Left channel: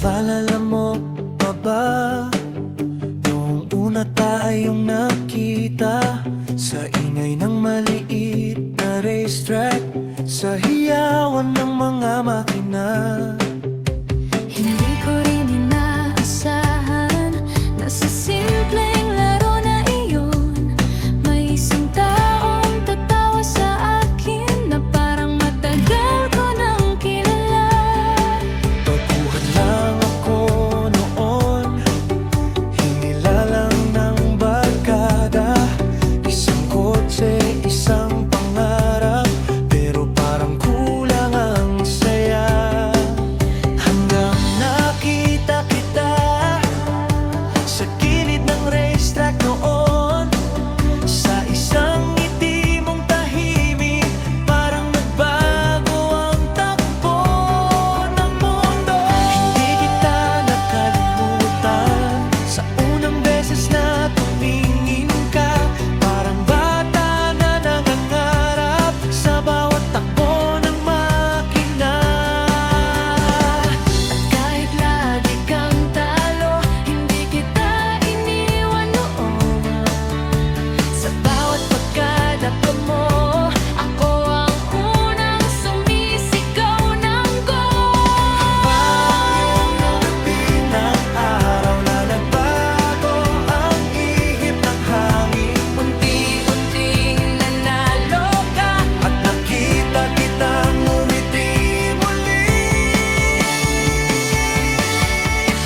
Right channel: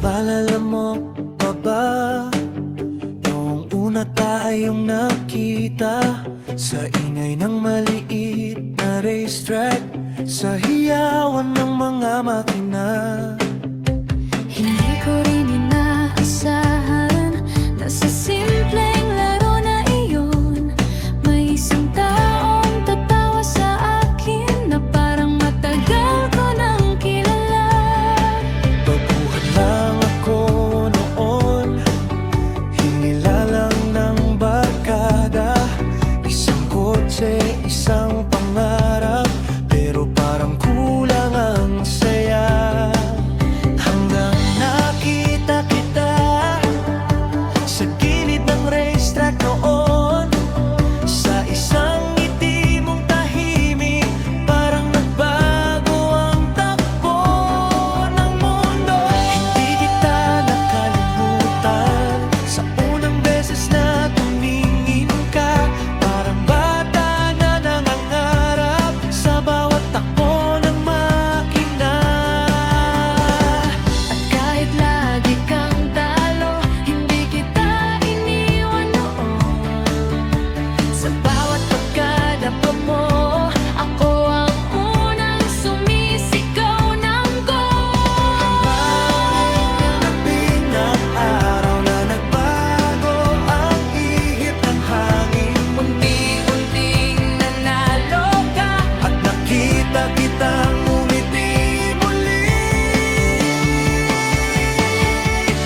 Naalala mo pa ba noong una tayong nakita sa ingay ng maliit na racetrack, sa hiyawan ng mga makina? Hindi ko rin inaasahan na sa simpleng laro na iyon may isang taong tatawa sa akin na parang matagal ko nang kilala. Baguhan lang ako noon, hinila lang ng barkada, isang kotse, isang pangarap, pero parang kulang ang saya. Hanggang nakita kita sa gilid ng racetrack noon, sa isang ngiti mong tahimik, parang nagbago ang takbo ng mundo. Hindi kita nakalimutan sa unang beses na tumingin ka, parang bata na nangangarap sa bawat takbo ng makina. At kahit lagi kang talo, hindi kita iniwan noon. Sa bawat pagkadapa mo, ako ang unang sumisigaw ng goal. Hanggang ng araw na nagbago ang ihip ng hangin, Unti-unting nanalo ka, at nakita kitang ngumiti muli.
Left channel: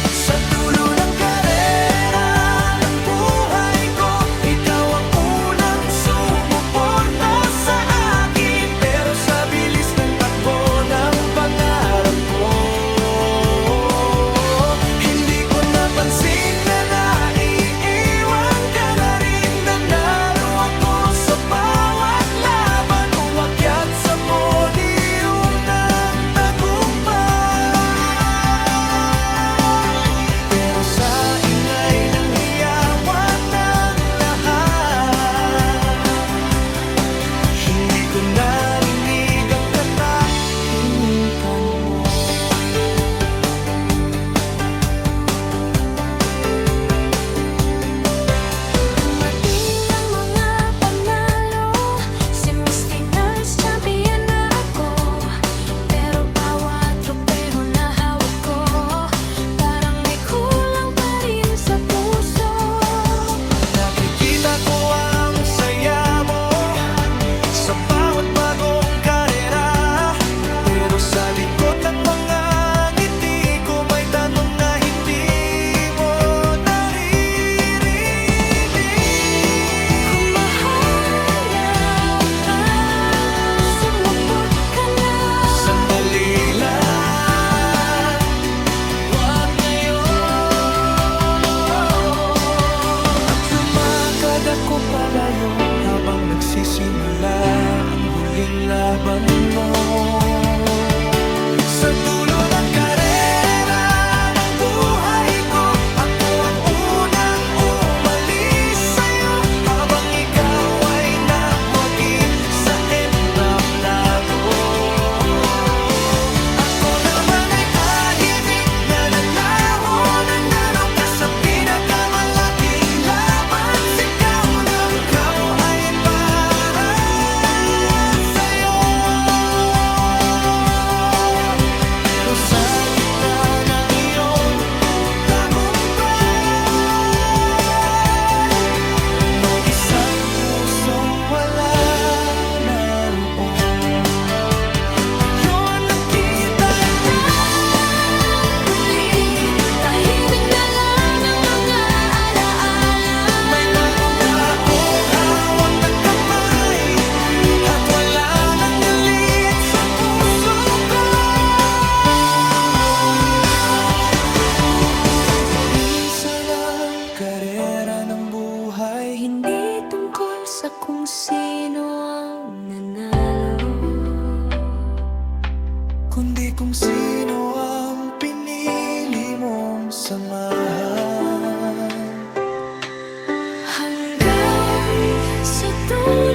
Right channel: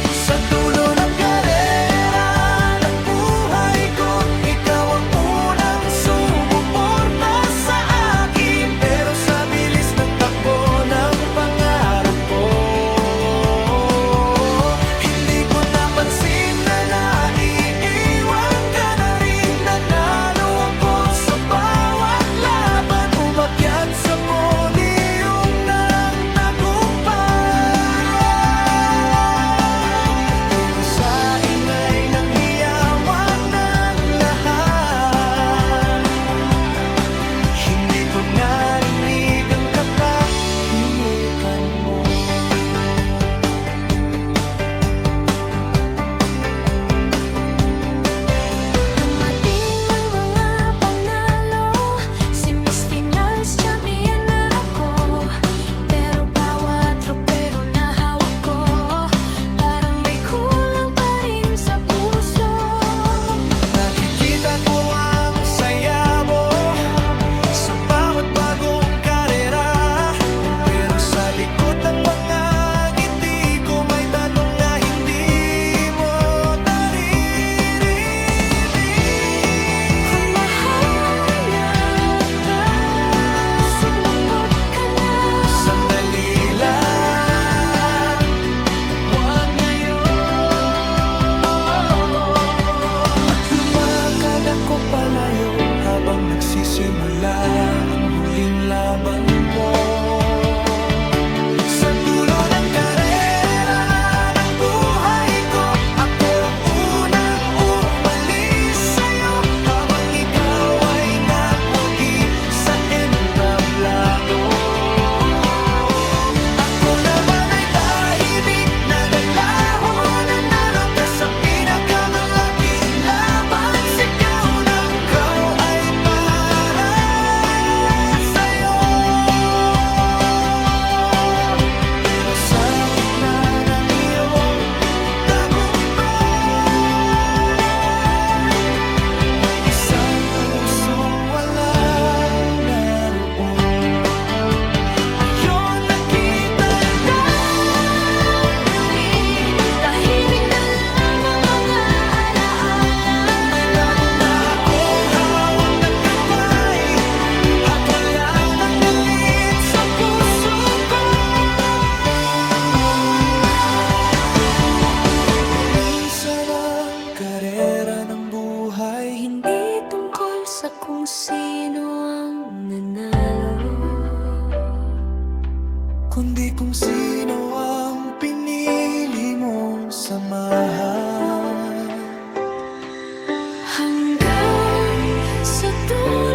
Sa dulo ng karera ng buhay ko, ikaw ang unang sumuporta sa akin. Pero sa bilis ng takbo ng pangarap ko, hindi ko napansin na naiiwan ka na rin. Nanalo ako sa bawat laban, umakyat sa podium ng tagumpay. Pero sa ingay ng hiyawan ng lahat, hindi ko narinig ang katahimikan mo. dumating ang mga panalo. Si Miss Finals champion na ako, pero bawat tropeho na hawak ko, parang may kulang pa rin sa puso. Nakikita ko ang saya mo sa bawat bagong karera, pero sa likod ng mga ngiti ko may tanong na hindi mo naririnig. Kung mahanap ka, sumupot ka na. Sandali lang, wag ngayon. At lumakad ako palayo habang nagsisimula ang huling laban mo. Sa dulo ng karera ng buhay ko, ako ang unang umalis sa'yo, habang ikaw ay nagwagi sa entablado. Ako naman ay tahimik na naglaho, nanalo ka sa pinakamalaking laban. Sigaw ng ikaw ay para sa'yo. Pero sa gitna ng iyong tagumpay, may isang pusong wala naroon. Ngayon nakita Muli, tahimik na lang ang mga alaala. may bago na akong hawak na kamay, at wala nang galit sa puso ko. Minsan ang karera ng buhay Hindi tungkol sa kung sino ang nanalo, kundi kung sino ang pinili mong samahan. hanggang sa dulo